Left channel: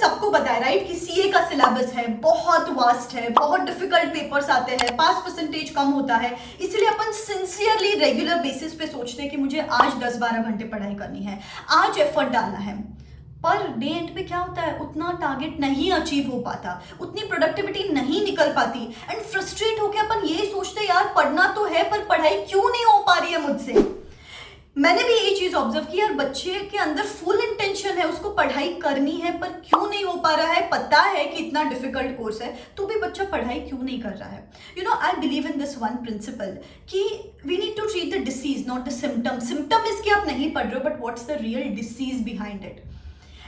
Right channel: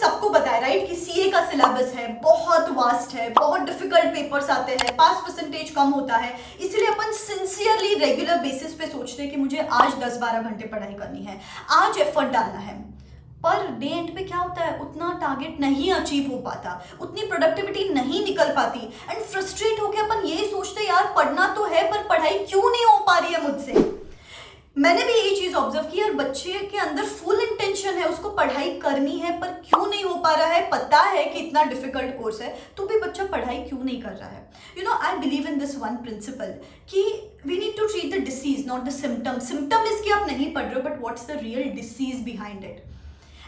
सबको पता है राइट कि सीए का सिलेबस है, बहुत वास्ट है, बहुत डिफिकल्ट पेपर्स आते हैं, पास परसेंटेज कम होता है, इसलिए अपन सिंसियरली रेगुलर बेसिस पे सोचते हैं कि मुझे आज 10-12 घंटे पढ़ाई करनी है, आज एफर्ट डालना है। पर डे एंड पे क्या होता है, उतना टारगेट नहीं अचीव हो पाता, उतनी प्रोडक्टिविटी नहीं निकल पाती एंड फ्रस्ट्रेट होकर अपन ये सोचते यार पढ़ना तो है पर पढ़ाई क्यों नहीं हो पा रही है मुझसे। मैंने भी यही चीज ऑब्जर्व की यार, बच्चे के अंदर फुल इंटेंशन है, उसको पढ़ाई करनी है पर क्यों नहीं हो पा रहा है, पता है कि इतना डिफिकल्ट कोर्स है तो भी बच्चा पढ़ाई क्यों नहीं कर रहा है। You know I believe in this one principle कि we need to treat the disease not the symptom. Symptom इसके आप नहीं पढ़ रहे हो but what's the real disease behind it,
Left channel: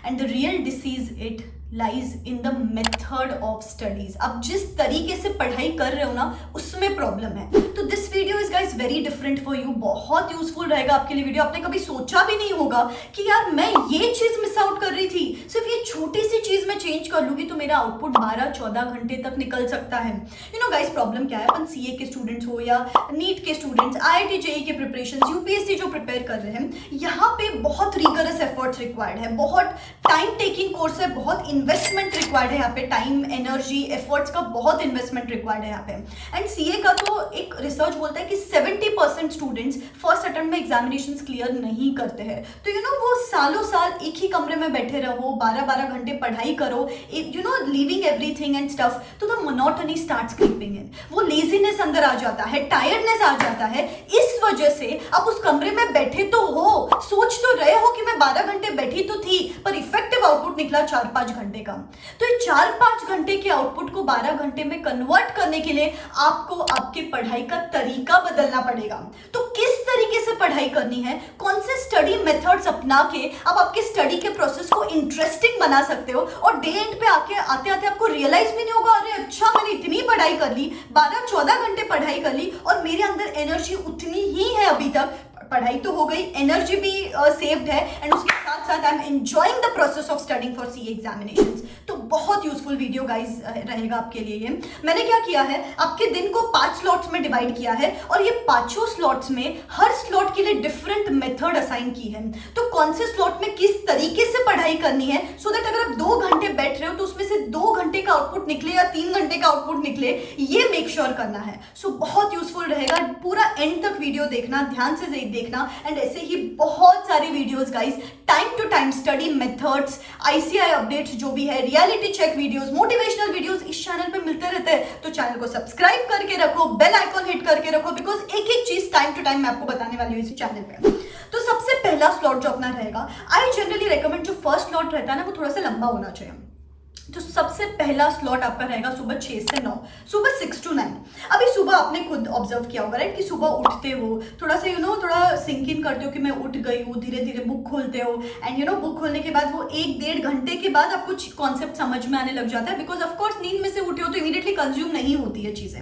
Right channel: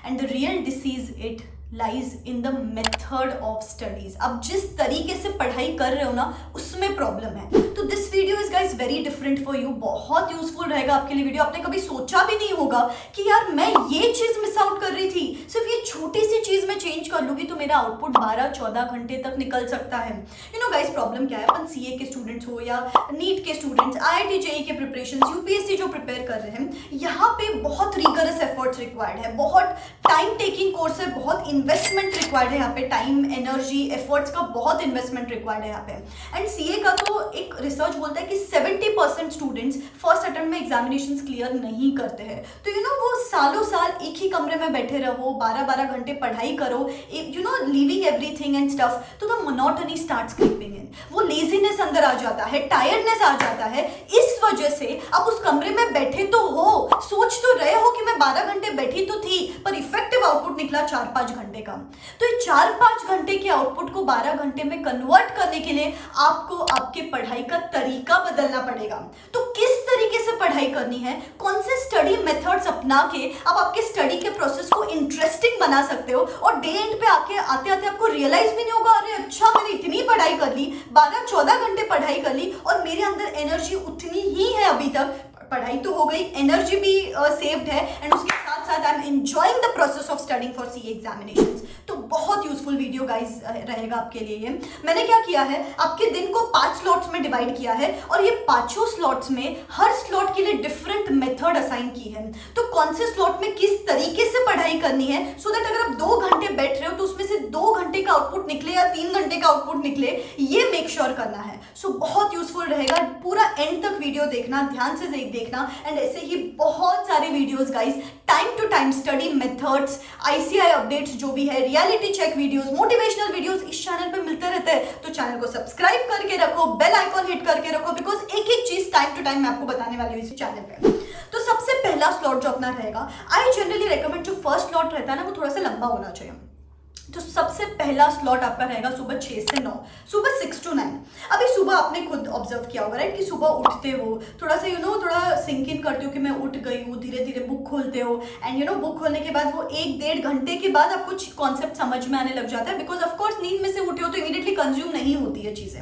and the real disease it lies in the method of studies. आप जिस तरीके से पढ़ाई कर रहे हो ना उसमें प्रॉब्लम है। तो this video is guys very different for you, बहुत यूजफुल रहेगा आपके लिए वीडियो। आपने कभी सोचा भी नहीं होगा कि यार मैं ये चीज मिस आउट कर रही थी, सिर्फ ये छोटी सी चीज मैं चेंज कर लूंगी तो मेरा आउटपुट 12-14 घंटे तक निकल सकता है। यू नो गाइज प्रॉब्लम क्या है, अपन सीए के स्टूडेंट्स हो या नीट के स्टूडेंट्स, आईआईटी जेईई के प्रिपरेशन, यूपीएससी जो प्रिपेयर कर रहे हैं, यहाँ पे बहुत रिगरस एफर्ट्स रिक्वायर्ड है, बहुत टाइम टेकिंग कोर्स है, बहुत इन्वेस्टमेंट रिक्वायर्ड है यहाँ पे, टाइम एनर्जी एफर्ट्स का बहुत इन्वेस्टमेंट रिक्वायर्ड है यहाँ पे। एंड सीए का तो एक रिसर्च बोलता है कि 70% स्टूडेंट्स फर्स्ट अटेम्प्ट में एग्जामिनेशंस क्लियर नहीं करते हैं। तो यू नो वो सालों साल एक ही कमरे में बैठे रहो, 12-12 घंटे पढ़ाई करो, you know leaving everything and stuff, तो the monotony starts creeping in, वो लेजीनेस अंदर आ जाता है, टायर्डनेस आ जाता है। इस वजह से आप उस कमरे में बैठे तो हो, सोच तो रहे हो कि मैं 12 घंटे बैठी तो थी पर इफेक्टिव आउटपुट निकला 4-5 घंटे का। तो ये 4-5 घंटे के आउटपुट को 12 घंटे में कन्वर्ट करने के लिए आपको आपके पढ़ाई का तरीका बदलना पड़ेगा। तो किस तरीके से पढ़ाई करनी है, कौन से स्टडी मेथड्स अपना के आप आपके स्टडी के प्रोसेस को इंटरेस्टिंग बना सकते हो, और डे एंड पे आके आते आते आपको रियलाइज भी नहीं होगा अरे अच्छा मैंने इतनी पढ़ाई कर ली, 12-14 घंटे पढ़ाई कर ली और मेरे अंदर एनर्जी उतनी ही है अभी तक, पढ़ाई तो हो गई, एनर्जी भी सेव्ड है एंड उसके साथ साथ I am enjoying the process of studying for CA examinations. तो बहुत यूजफुल वीडियो गाइस रहेगा आपके लिए ये। मैंने क्या किया है, आपके दिन को 5 स्लॉट्स में डिवाइड किया है और ये 5 स्लॉट्स में हर स्लॉट के लिए डिफरेंट मेथड असाइन की है। तो कौन से स्लॉट में किस तरीके से पढ़ाई करनी है सो दैट अगर आप 2 घंटे बैठ रहे हो तो उसमें से 2 घंटे का आउटपुट निकले या 3 घंटे का आउटपुट निकले, ये मेक श्योर करना है। सो बहुत यूजफुल रहेगा, पूरा एंड तक वीडियो देखना, ध्यान से देखना। एंड ऐसे ही बहुत सारे videos guys, time to time study methods, ICI updates जो भी है, reality check videos, motivational videos इस चैनल पे मिलते रहते हैं। तो चैनल को सब्सक्राइब करके रखो, बेल आइकॉन हिट करके रखो, बिकॉज एक एक चीज टाइम टू टाइम मैं आपको बताने वाली हूँ इसी चैनल पे। तो सबसे पहला स्लॉट जो अपना रहेगा, आई जनरली रेकमेंड जो फर्स्ट स्लॉट रहता है ना वो थोड़ा सा लंबा होना चाहिए। तो सबसे पहला स्लॉट आपका रहेगा सुबह 6 से 9, सुबह 6 to 9। अभी सुबह आपने खुद ऑब्जर्व किया होगा राइट कि सुबह उठते हो, थोड़ा सा थोड़ा सिंक इन करते हो कि मैं उठ गई हूँ, धीरे धीरे बुक खोलते हो एंड बुक खोलने के बाद वो 1-1.5 घंटे के बाद आपको कॉन्सेप्ट समझ में आने लग जाता है, बिकॉज ऑफकोर्स नींद में से उठे हो तो इमीडिएटली कंज्यूम नहीं होती है चीजें।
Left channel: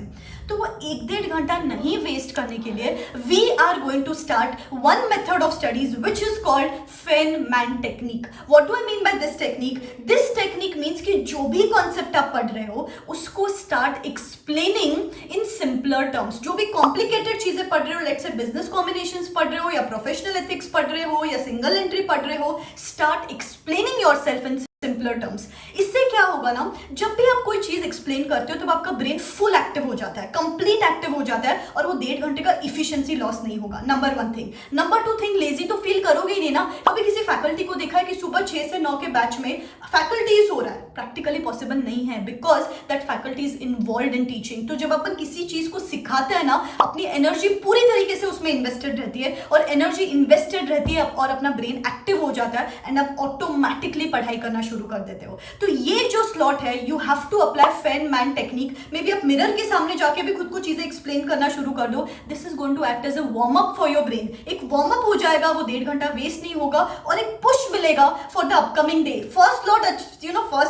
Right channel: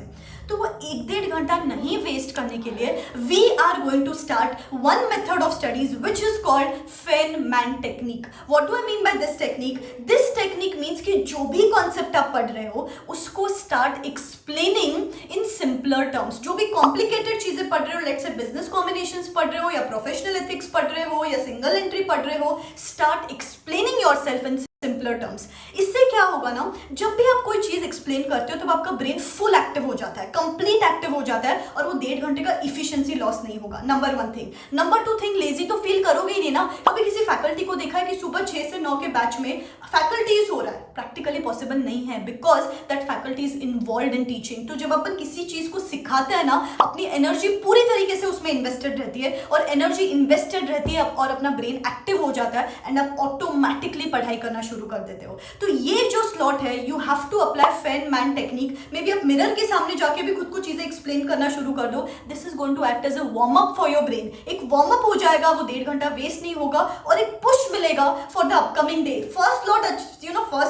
तो वो 1-1.5 घंटा नहीं वेस्ट करने के लिए we are going to start one method of studies which is called Feynman technique. What do I mean by this technique? This technique means कि जो भी कॉन्सेप्ट आप पढ़ रहे हो उसको start explaining in simpler terms. जो भी कॉम्प्लिकेटेड चीजें पढ़ रहे हो, लेट्स से बिजनेस कॉम्बिनेशंस पढ़ रहे हो या प्रोफेशनल एथिक्स पढ़ रहे हो या सिंगल एंट्री पढ़ रहे हो, start explaining yourself in simpler terms. इससे क्या होगा ना, जब भी आप कोई चीज एक्सप्लेन करते हो तब आपका ब्रेन फुल एक्टिव हो जाता है, कंप्लीट एक्टिव हो जाता है और वो 1.5 घंटे का इफिशिएंसी लॉस नहीं होगा। Number 1 thing. Number 2 thing, lazy तो फील करोगे ही नहीं ना। कभी किसी फैकल्टी को देखा है कि सुबह 6 से 9 के बैच में फैकल्टीज हो रहा है? प्रैक्टिकली पॉसिबल नहीं है, because that faculty is involve in teaching. तो जब अपन किसी चीज को सिखाते हैं ना, अपनी एनर्जी पूरी तरीके से उसमें इन्वेस्टेड रहती है, और एनर्जी इन्वेस्टेड रहती है और अपना ब्रेन एक्टिव हो जाता है एंड आप ऑटोमेटिकली पढ़ाई करना शुरू कर देते हो। तो ये जो स्लॉट है, you have to apply Feynman technique. Maybe आप मिरर के सामने जाके भी खुद को चीजें एक्सप्लेन करना शुरू कर दो। This is going to act as a warm up for your brain. एक वार्म अप हो जाएगा, वो 1.5 घंटा वेस्ट नहीं होगा और एक पुश मिलेगा for the upcoming day. First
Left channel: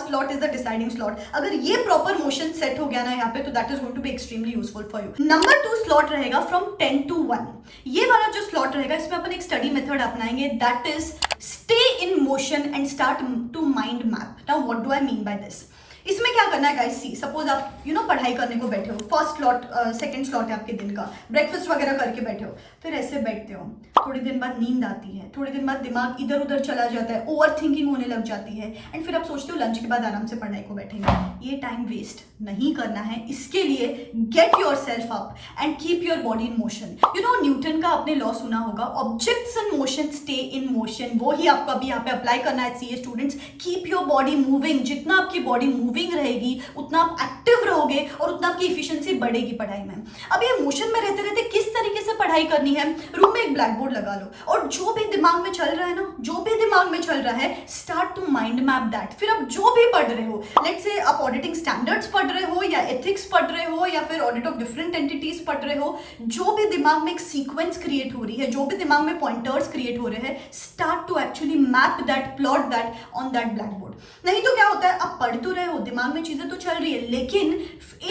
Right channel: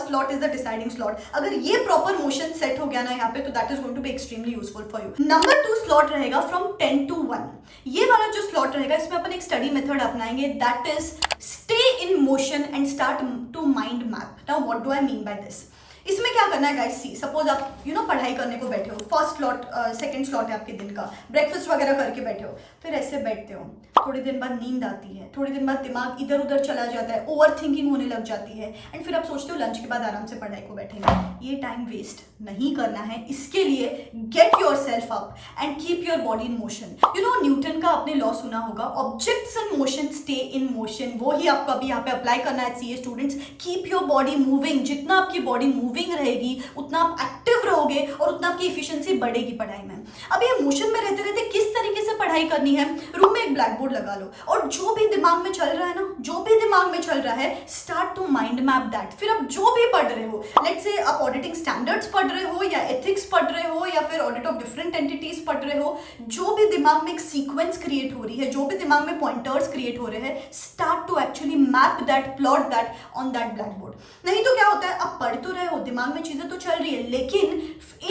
slot is the deciding slot. अगर ये प्रॉपर मोशन सेट हो गया ना यहाँ पे, तो that is going to be extremely useful for you. Number 2 slot रहेगा फ्रॉम 10 to 1। ये वाला जो स्लॉट रहेगा, इसमें अपन एक स्टडी मेथड अपनाएंगे, that is stay in motion and start to mind map. Now what do I mean by this? इसमें क्या करना है गाइस, सी सपोज आप पढ़ाई करने को बैठे हो, फर्स्ट स्लॉट सेकंड स्लॉट है आपके दिन का, ब्रेकफास्ट वगैरह करके बैठे हो, फिर ऐसे बैठते हो, थोड़ी दिन बाद नींद आती है, थोड़ी दिन बाद दिमाग इधर उधर चला जाता है, ओवर थिंकिंग होने लग जाती है, एंड फिर आप सोचते हो लंच के बाद आराम से पढ़ाई को बैठेंगे। ये टाइम वेस्ट नहीं करना है। इसके लिए get your self up and keep your body in motion. Newton का आपने लॉ सुना होगा, objects in motion stay in motion, वो ही आपको अभी यहाँ पे अप्लाई करना है CA students. Keep your body moving, जितना आपकी बॉडी मूविंग रहेगी उतना आप एक्टिव रहोगे और उतना आपकी इफिशिएंसी बढ़ेगी पढ़ाई में। अब ये मोशन में रहते रहते किस तरीके से पढ़ाई करनी है, रूम में एक ब्लैक बोर्ड लगा लो और जो भी दिमाग में चल रहा है ना, जो भी दिमाग में चल रहा है, start to mind map that. फिर आप जो भी पढ़ रहे हो, लेट्स से आप ऑडिटिंग स्टैंडर्ड्स पढ़ रहे हो या एथिक्स पढ़ रहे हो या फिर ऑडिट ऑफ डिफरेंट एंटिटीज पढ़ रहे हो, जो भी दिमाग में एक सीक्वेंस क्रिएट हो रही है, जो भी दिमाग में पॉइंटर्स क्रिएट हो रहे हैं, start to actually map that, plot that on that blackboard. नहीं तो क्या होता है, आप पढ़ तो रहे हो, दिमाग में चीजें तो चल रही है, लेकिन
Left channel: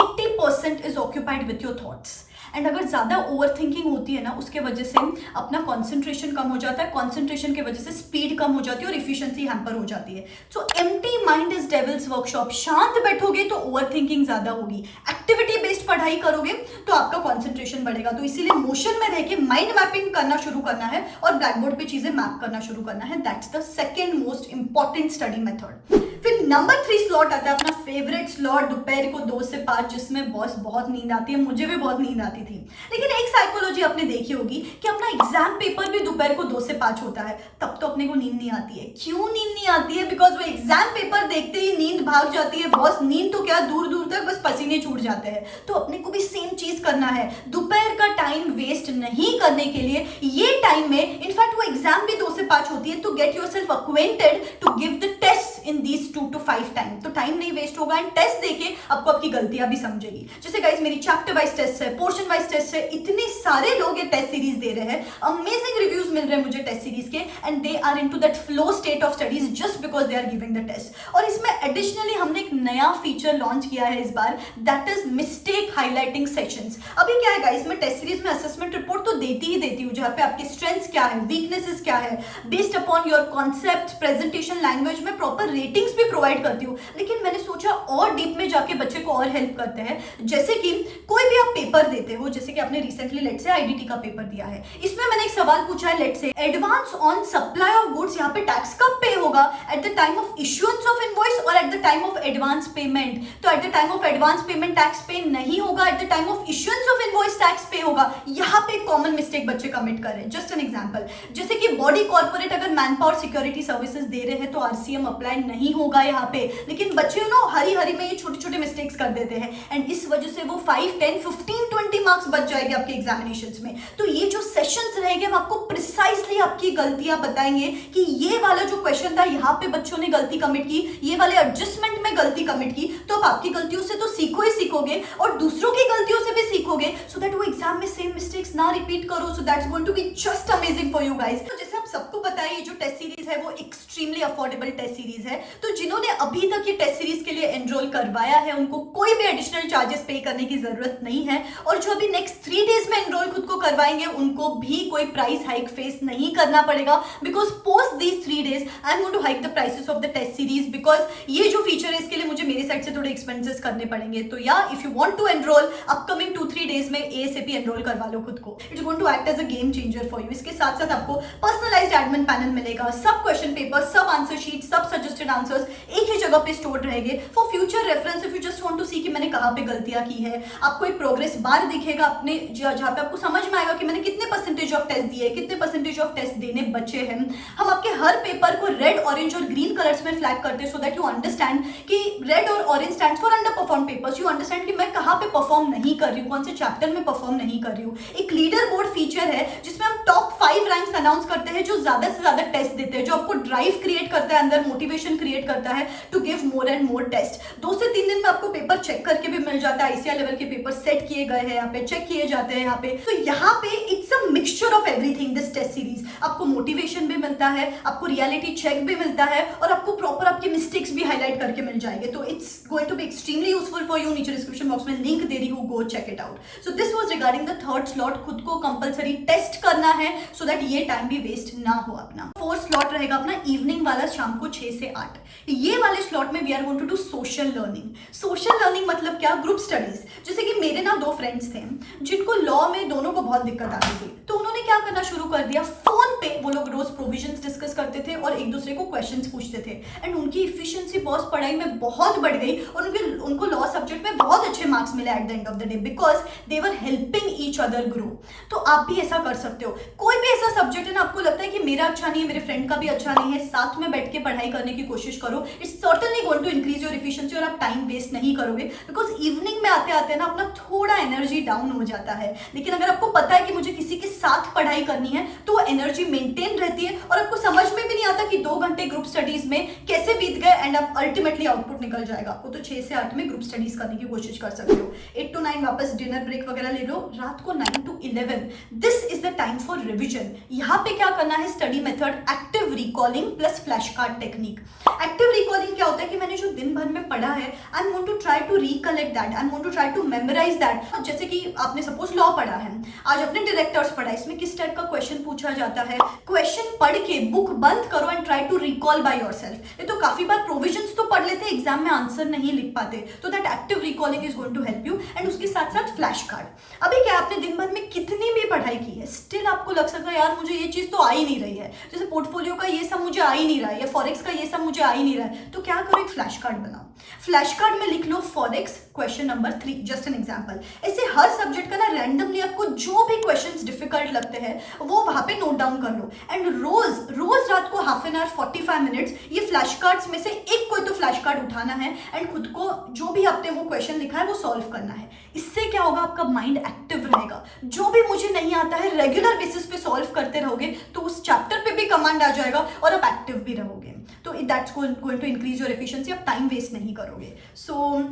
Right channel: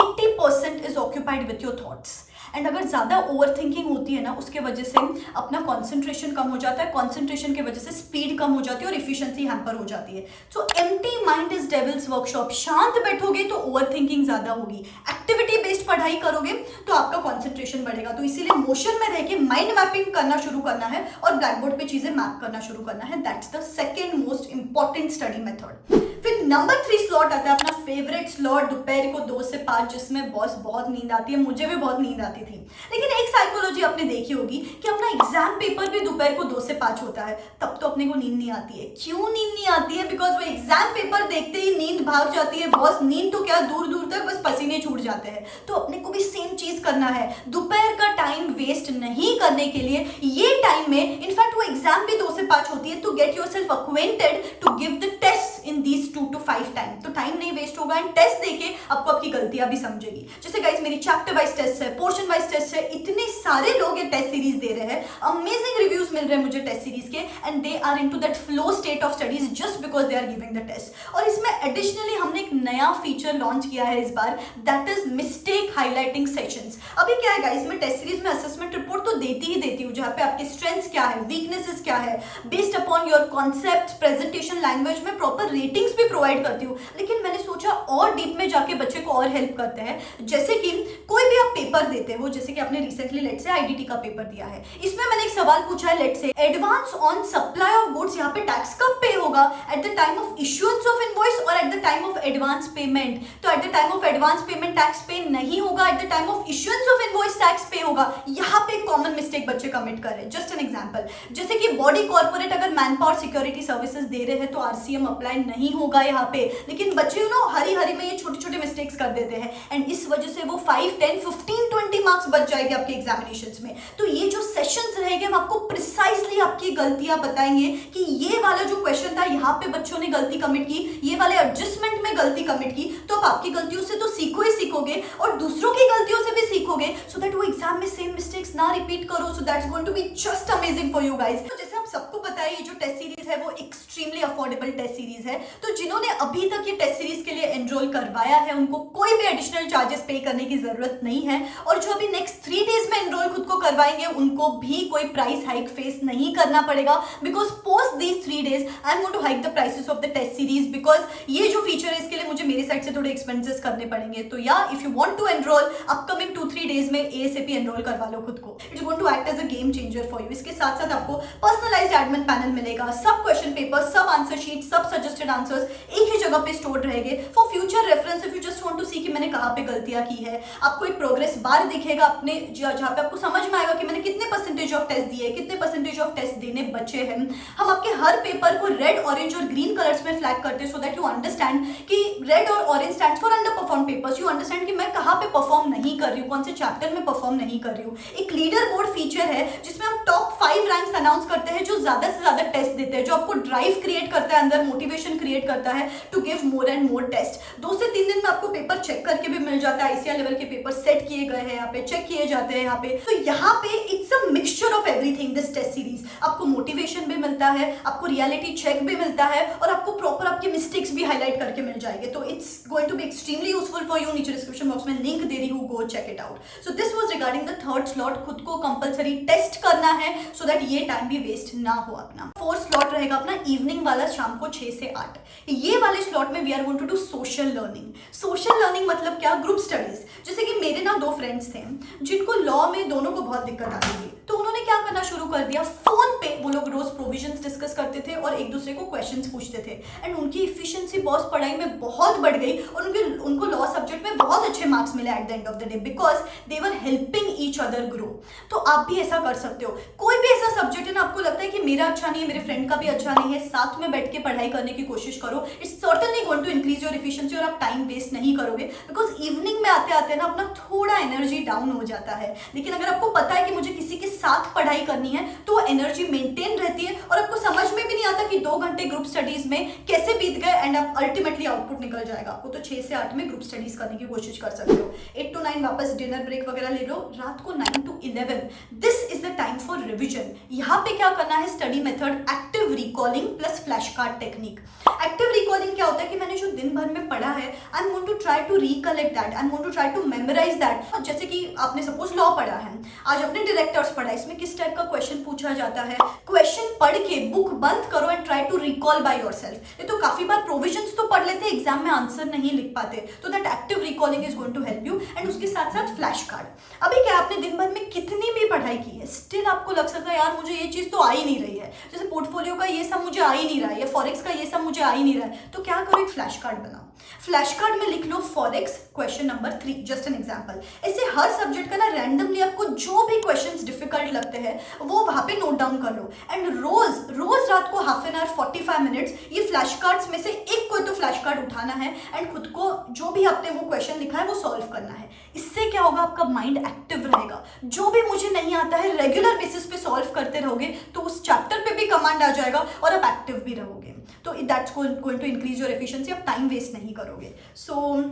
80% is occupied with your thoughts. And अगर ज़्यादा ओवर थिंकिंग होती है ना, उसके वजह से अपना कॉन्सेंट्रेशन कम हो जाता है, कॉन्सेंट्रेशन की वजह से स्पीड कम हो जाती है और इफिशिएंसी हैम्पर हो जाती है। सो empty mind is devils workshop. शांत बैठोगे तो ओवर थिंकिंग ज़्यादा होगी, एक्टिविटी बेस्ड पढ़ाई करोगे तो आपका कॉन्सेंट्रेशन बढ़ेगा। तो इसीलिए मोशन में रह के माइंड मैपिंग करना शुरू करना है और ब्लैक बोर्ड पे चीज़ें मैप करना शुरू करना है। That's the second most important study method. फिर नंबर 3 स्लॉट आता है अपना फेवरेट स्लॉट, दोपहर को 2 से 5, जिसमें बॉस बहुत नींद आती है, मुझे भी बहुत नींद आती थी। लेकिन एक साइकोलॉजी आपने देखी होगी कि अपना एग्जाम पेपर भी दोपहर को 2 से 5 होता है, तब तो अपने को नींद नहीं आती है। क्यों नींद नहीं आती है? बिकॉज वो एग्जाम पेपर देखते ही नींद भाग जाती है बॉस। नींद तो क्या, दूर दूर तक बस पसीने छूट जाते हैं। तो अपने को भी सेम चीज करना है, दोपहर का टाइम वेस्ट नहीं करने के लिए ये टाइम में, इनफैक्ट वो एग्जाम भी 2 से 5 होती है, तो get yourself acquainted to give the test in these 2 to 5 time. तो टाइम नहीं वेस्ट होगा एंड टेस्ट देके आपको आपकी गलतियां भी समझेगी। जैसे गाइस मेरी चैप्टर वाइज टेस्ट है, पोर्शन वाइज टेस्ट है, इतने सारे लोग ये टेस्ट सीरीज दे रहे हैं, अमेजिंग रिव्यूज मिल रहे हैं मुझे टेस्ट सीरीज के, and they are into that flow state of studies just because they are giving the test. और इसमें एडिशनली हमने एक नया फीचर लॉन्च किया है इस बार, that is mistake highlighting sessions. अभी क्या है गाइस, मैं टेस्ट सीरीज में असेसमेंट रिपोर्ट तो देती ही देती हूँ, जहां पे आपके स्ट्रेंथ्स क्या है, वीकनेसेस क्या है, based upon your concept, presentation, language में प्रॉपर रेटिंग्स भी प्रोवाइड करती हूँ। लेकिन मैंने सोचा और डीप में जाके बच्चे को और हेल्प करते हैं। जैसे कि कोई भी आप पेपर देते हो, जैसे कि आपने रिसेंटली लेट से आईडीटी का पेपर दिया है, इसमें मैंने एक सवाल पूछा है, let say advance on supply of goods, यहाँ पे टैक्स कब पे होगा, at the time of issuance of invoice और at the time of advance payment. तो at the time of advance payment tax pay नहीं होगा, at the time of issuance of invoice tax pay होगा। यहाँ पे common mistake बच्चे commit कर रहे हैं। जस्ट एन एग्जांपल, जैसे कि बॉडी कॉर्पोरेट अगर मैन पावर सिक्योरिटी सर्विसेज दे रहे हैं तो आरसीएम अप्लाई नहीं होगा यहाँ पे, लेकिन बच्चे हरी हरी में ये छोटे छोटे मिस्टेक्स कर देते हैं, एंड इस वजह से वो 5, 10, 15, 20 मार्क्स बच जाएंगे आपके एग्जामिनेशंस में। तो ये जो सेशंस रहेंगे हम आपको प्रिसाइसली आपकी गलतियां बताएंगे कि ये वाला जो क्वेश्चन था यहाँ पे बच्चों ने गलती कमिट की, ये वाले एडजस्टमेंट में गलती कमिट की, तो आप आपकी गलतियों से तो सीखो ही सीखोगे और दूसरों की गलतियों से भी सीखोगे, सो दैट वो एग्जाम में सेम मिस्टेक्स ना रिपीट करो। So that's going to be just amazing for you guys. तो जैसे आप सबको पता है, ये जो टेस्ट सीरीज है वो एक्सट्रीमली अफोर्डेबल टेस्ट सीरीज है। तो जिन्होंने अभी तक ये टेस्ट सीरीज के लिए एनरोल करवाया है, उनको कोई भी एडिशनल चार्जेस पे करने की जरूरत नहीं है, और जो अभी नेक्स्ट 3 डेज में एनरोल खुद को करवाएंगे उनको भी कोई प्राइस हाइक फेस नहीं करना पड़ेगा, because post these 3 days I am going to hike the prices of the test series, because ये जो फीचर है इसके लिए मुझे मेरे साइड से थोड़े एक्सपेंसेस करने पड़ेंगे। तो या if you want to enrol upcoming 2-3 days में एएसएपी एनरोल करवा लो खुद को। It's going to act as a game changer for you. इसके साथ साथ आपको पर्सनलाइज्ड एडमिन पैनल मिलेगा, सब क्वेश्चन पेपर, सब आंसर शीट, सब सजेस्टेड आंसर्स एक ही जगह पे स्टोर रहेंगे for future reference. If you just want to see कि मैंने कहाँ पे गलतियां की है, आपको एक प्रोग्रेस बार दिखेगा अपने, जहाँ पे आपको समझ में आएगा कि मैंने कितने परसेंटेज ऑफ टेस्ट दिए, कितने परसेंटेज ऑफ टेस्ट देने बचे हैं। हम आपके हर पेपर को रेड, ऑरेंज और ग्रीन कलर्स में फ्लैग करते हैं, सो दैट यू अंडरस्टैंड कि रेड और orange stands for under perform papers. You understand कि मैं कहाँ पे परफॉर्म नहीं कर रही हूँ, कौन से चैप्टर में परफॉर्म नहीं कर रही हूँ। एक लीडर बोर्ड फीचर है जिसमें हम टॉप 5 रैंक्स अनाउंस करते हैं जो ज्यादा से ज्यादा टेस्ट देते हैं, जो आपको ड्राइव क्रिएट करता है, अंदर मोटिवेशन क्रिएट करता है to give more and more test. 2 से 3 दिन में आपको पेपर चेक करके भी मिल जाता है, आईसीआर लेवल के पेपर सेट किए गए हैं यहाँ पे, चेक किए जाते हैं यहाँ पे। तो यहाँ पे it's a mixture of everything this test series. आपको मोटिवेशन भी मिलता है, आपको रियलिटी चेक भी मिलता है, और आपको प्रॉपर आपके मिस्टेक्स भी हाईलाइट करके मिल जाएंगे। तो it's going to be extremely useful for you. नीचे डिस्क्रिप्शन बॉक्स में लिंक दे रही हूँ, go check it out. So this was regarding the third slot, खुद को कंपलसरी टेस्ट करना है सो दैट ये टाइम भी वेस्ट ना हो अपना। फोर्थ स्लॉट रहेगा अपना इवनिंग वाला, शाम को 6 से 8। ये वाले स्लॉट में we are going to do social learning. Social learning मतलब क्या, ग्रुप स्टडीज। जैसे कि मेरे ना 2 फ्रेंड्स थे जिनको लॉ में दोनों को बहुत दिक्कत आती थी, तो उन्होंने क्या करना शुरू कर दिया, फोन पे वो लोग रोज प्रोविजंस डिस्कस करते थे और एक दूसरे को क्वेश्चंस पूछते थे, एंड उनकी इफिशिएंसी बॉस पढ़ाई में बहुत बढ़ गई और उनको लॉ सब्जेक्ट में बहुत अच्छे मार्क्स मिले at the end of the day, because they were helping each other grow. तो आप भी ऐसा कर सकते हो। कोई भी ऐसा सब्जेक्ट है ना, आपको लगता है कि मेरा अच्छा नहीं है, मेरे फ्रेंड का भी अच्छा नहीं है, साथ में बैठ के पढ़ाई करने की कोशिश करो। It's certainly going to increase your efficiency और आप टाइम वेस्ट नहीं करोगे, बिकॉज इवनिंग में आते आते ना अपना थोड़ा एनर्जी डाउन हो जाता है। लेकिन अगर आपको पता है कि मुझे किसी के साथ पढ़ाई करनी है तो वो एनर्जी मेंटेन रहती है और आपको समझ में भी नहीं आता कि 2 घंटे ग्रुप स्टडीज में कैसे बीत गए, एंड आप अल्टीमेटली आउटपुट निकल जाएगा आपको। तो 6 से 8 में ग्रुप स्टडीज करने की कोशिश कर सकते हो। 8 to 9 वापस डिनर ब्रेक वगैरह ले लो। रात को 9 to 11 this is the time for revision. यहाँ पे क्या करना है, study method active recalling plus flash card technique. Active recalling क्या होता है कि मैंने जो दिन भर में पढ़ा है, I am going to try to recollect that, I am going to try to memorise that. जैसे कि आपने सपोज लॉ पढ़ा है, आज अपने डायरेक्टर्स पढ़ा, इसमें किस टाइप का क्वेश्चन पूछा जाता है, क्वेश्चन पढ़ के बुक बंद करो and try to recall by yourself. ये तो काफी बार प्रोविजंस तो पढ़ लेते, एग्जाम में आंसर नहीं लिख पाते, तो that active recalling is going to help you. And उसके साथ साथ फ्लैश कार्ड। अभी क्या आपने दिन भर में कितनी भी पढ़ाई की है, स्टिल आपको लग सकता है यार मुझे ये चीज तो आ ही नहीं रही है, जैसे पोर्टफोलियो का ये सब मुझे आ ही नहीं रहा है या फॉरेक्स का ये सब मुझे आ ही नहीं रहा है, तो क्या करो, एक फ्लैश कार्ड बनाओ। फ्लैश कार्ड में लिख लो for ex question number 3, just an example. ऐसे हर सब्जेक्ट का ना रैंडमली आपको जो भी क्वेश्चंस डिफिकल्ट लगते हैं वो वहां पे नोट डाउन कर लो, एंड रोज रात को हाफ एन आवर 45 मिनट्स ये फ्लैश कार्ड्स में से एक कोई तो फ्लैश कार्ड उठाना है एंड खुद को जो भी आपने वो क्वेश्चन लिखा है वो सॉल्व करना है। इससे क्या होगा, आपका माइंड एक्टिव रहेगा। जो भी मुझे नहीं आता है रेगुलर बेसिस पे सॉल्व करते रहोगे तो उस चैप्टर पे भी कमांड आ जाएगा और आप एक्टिव भी रहोगे। तो that's going to increase your efficiency, आप टाइम वेस्ट नहीं करोगे। So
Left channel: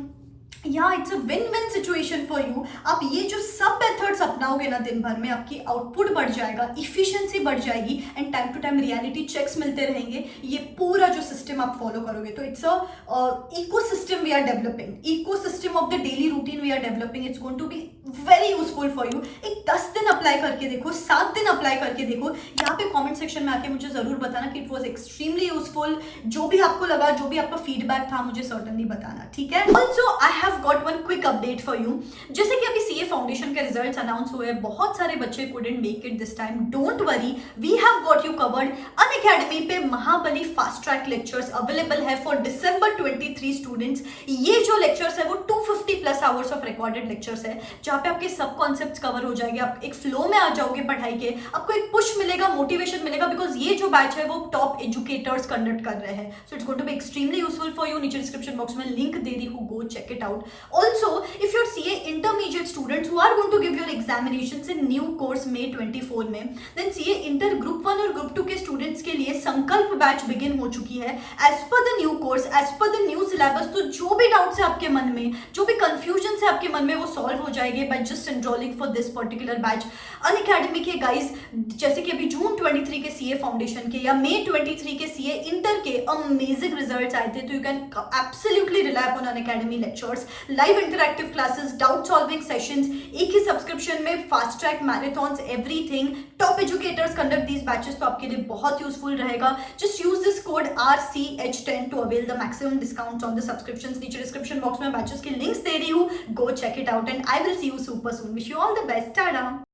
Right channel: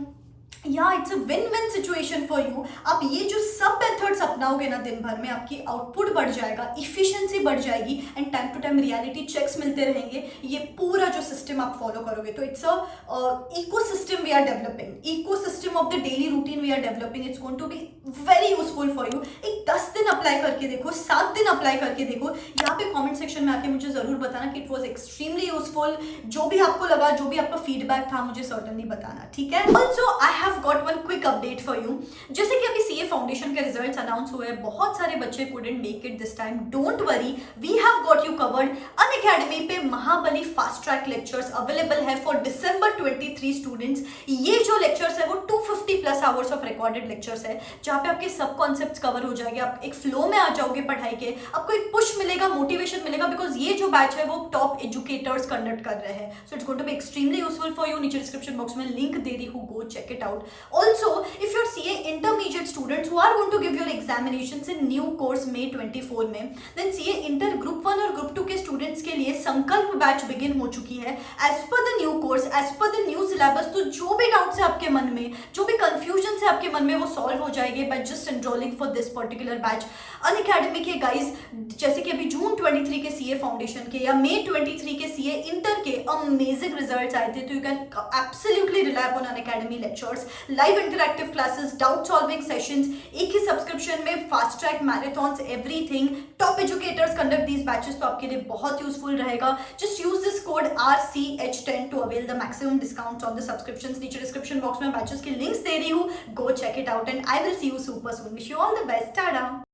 yeah it's a win win situation for you. आप ये जो सब मेथड्स अपनाओगे ना दिन भर में, आपकी आउटपुट बढ़ जाएगा, इफिशिएंसी बढ़ जाएगी, and time to time reality checks मिलते रहेंगे। ये पूरा जो सिस्टम आप फॉलो करोगे तो it's a ecosystem we are developing, ecosystem of the daily routine we are developing. It's going to be very useful for you. एक 10 दिन अप्लाई करके देखो, 7 दिन अप्लाई करके देखो। यहाँ पे कॉमेंट सेक्शन में आके मुझे जरूर बताना कि इट वॉज एक्सट्रीमली यूजफुल। जो भी आपको लगा, जो भी आपका फीडबैक था, मुझे सर्टनली बताना, ठीक है। Also I have got one quick update for you. जैसे कि अभी सीए फाउंडेशन के रिजल्ट्स अनाउंस हुए, बहुत सारे बच्चे couldn't make it this time. Don't worry, we have got you covered. Unacademy पे महाबली फास्ट ट्रैक लेक्चर्स अवेलेबल है फॉर December 23 स्टूडेंट्स। ये जो लेक्चर्स है वो 250 plus hours of recorded lectures है, जहाँ पे आपके सब कॉन्सेप्ट्स कवर हो जाएंगे। आप एक फ्लो में आ जाओगे पढ़ाई के, आपको एक पुश मिलेगा, मोटिवेशन मिलेगा, बिकॉज ये जो बैच है वो टॉप एजुकेटर्स कंडक्ट कर रहे हैं। So it's going to be extremely useful for you. नीचे डिस्क्रिप्शन बॉक्स में लिंक दे रही हूँ, go check it out. Also, if you're CA intermediate students who are going to give your examinations in new course May 24 में, then CA Inter Group 1 और Group 2 के students के लिए संकल्प बैच बिगिन हो चुकी है। As per the new course, as per the new syllabus, तो जो भी डाउट्स है आपके मन में, जो भी कंफ्यूजन है आपके मन में, वो सॉल्व हो जाएंगे by just enrolling for this particular batch। Unacademy के गाइज, जैसे कि अभी जून 23 के CA फाउंडेशन के या May 23 के CA इंटर के अमेजिंग रिजल्ट्स आए थे, तो you can absolutely rely upon Unacademy lectures, live interactive classes, doubt solving sessions, एक ही सब्सक्रिप्शन में fast track marathons, everything. Top educators conduct these batches, तो आपके लिए बहुत यूजफुल रहेगा। Just use this code RCH10 to avail the maximum discount on the subscriptions. नीचे description box में बैचेस के लिंक्स दे रही हूँ, go check it out and I will see you super soon. Wish you all the best. Tata.